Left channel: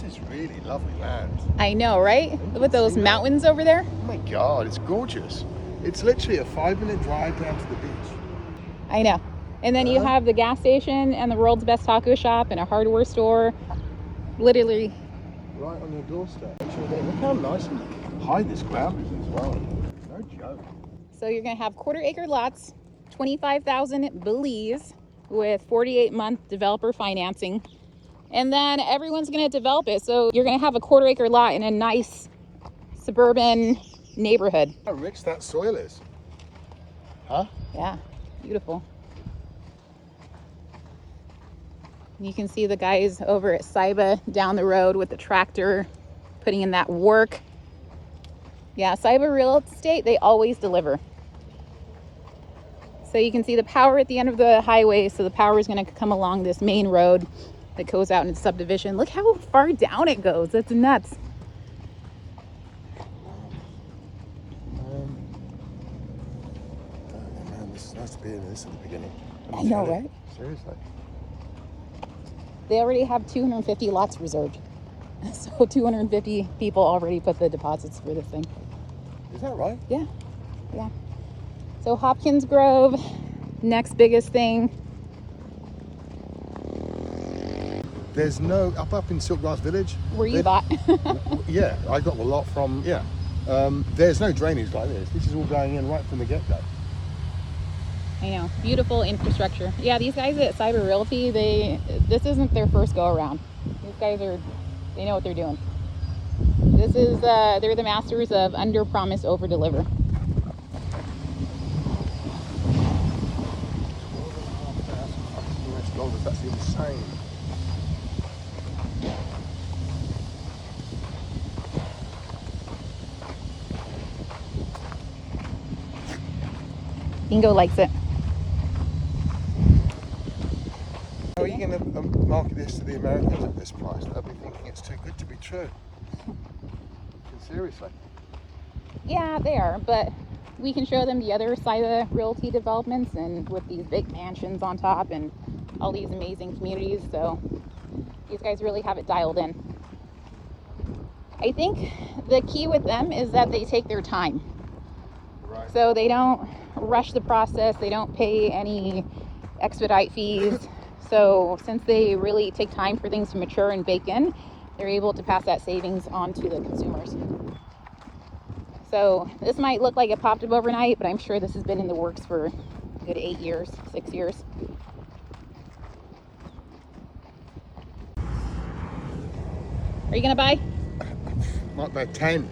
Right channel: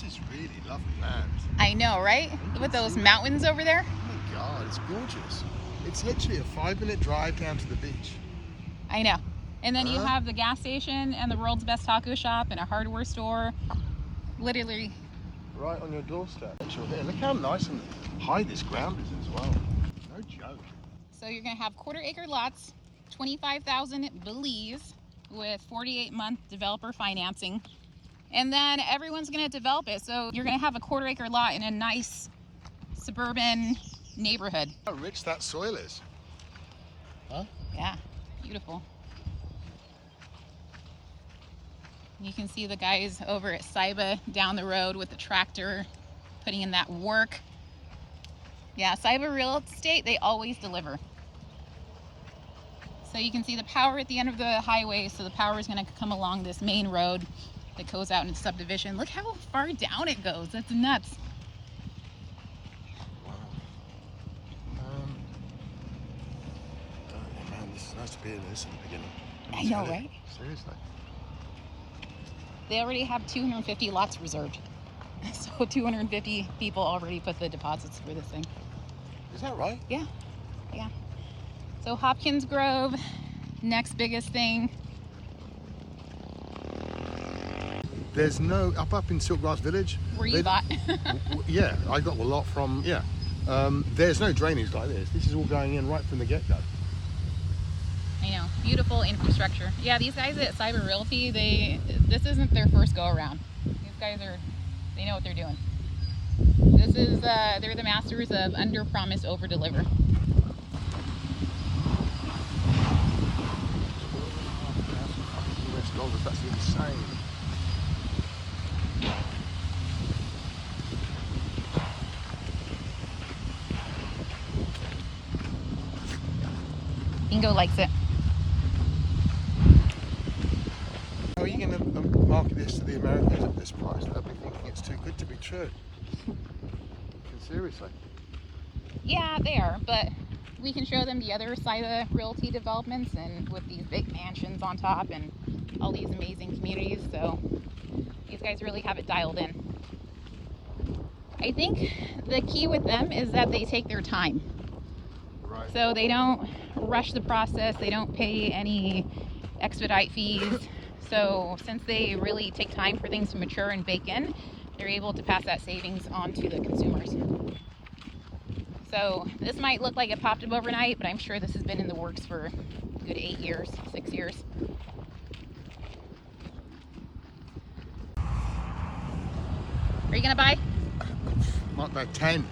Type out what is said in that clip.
This is really lovely land. I know, right? With those mountains over there. Oh my God, it's gorgeous. It's literally a 5-minute drive down to the beach. I know. And then you have the gas station and the world's best taco shop and a hardware store. Literally. Right on your doorstep. Look how nice and high this ground is as well. No joke. So you're going to have quarter-acre lots, 25,000 Belize with 48-month developer financing. And then everyone's going to develop it. So you're going to have a quarter-acre lot in a nice suburban neighborhood. How rich that soil is. Huh? Yeah, beautiful. You can see the guys over at Saiba down the road with the tractor putting in that work. Yeah, Saiba Real Estate, they always deliver. So you can see the power at the end of the highway. So the power is going to come along this main road that goes out into the subdivision. Look how far down it goes. That's nuts. Man, this is nice to be in this at the beginning. I know, right? Seriously. They already have 250 lots reserved. So 250 people already put the deposits for this thing. Is that right? Yeah, yeah. So Hopkins Grove, next biggest thing. There's no, up in Silkgrass Village. Where you bought. Yeah, I got the lot from, yeah. There's no drainage like this. This is all going in right from the get-go. I know, beautiful infrastructure. Yeah, these guys at Cyber Realty, this isn't their first go around. These guys they know what they're doing. This is, they're the masters of under promise, over deliver. $12,500 US, that's insane. Bingo likes it. How are you going to market this to the Americans at this price? They'll be thinking it's too good to be true. Seriously. Yeah, they are, but we can show them the other side of Realty developments and with these big mansions on top and all these amazing communities. So these guys really have it dialed in. I think the key with them is that they take their time. Right. So they don't rush the process. They don't pay any expedite fees. So since they really take time for things to mature and bake in, they're able to pass that savings on to the consumers. So this might look like it popped up overnight, but I'm sure this has been in the works for a good 8 years, 6 years. Are you gonna buy? Not about 10.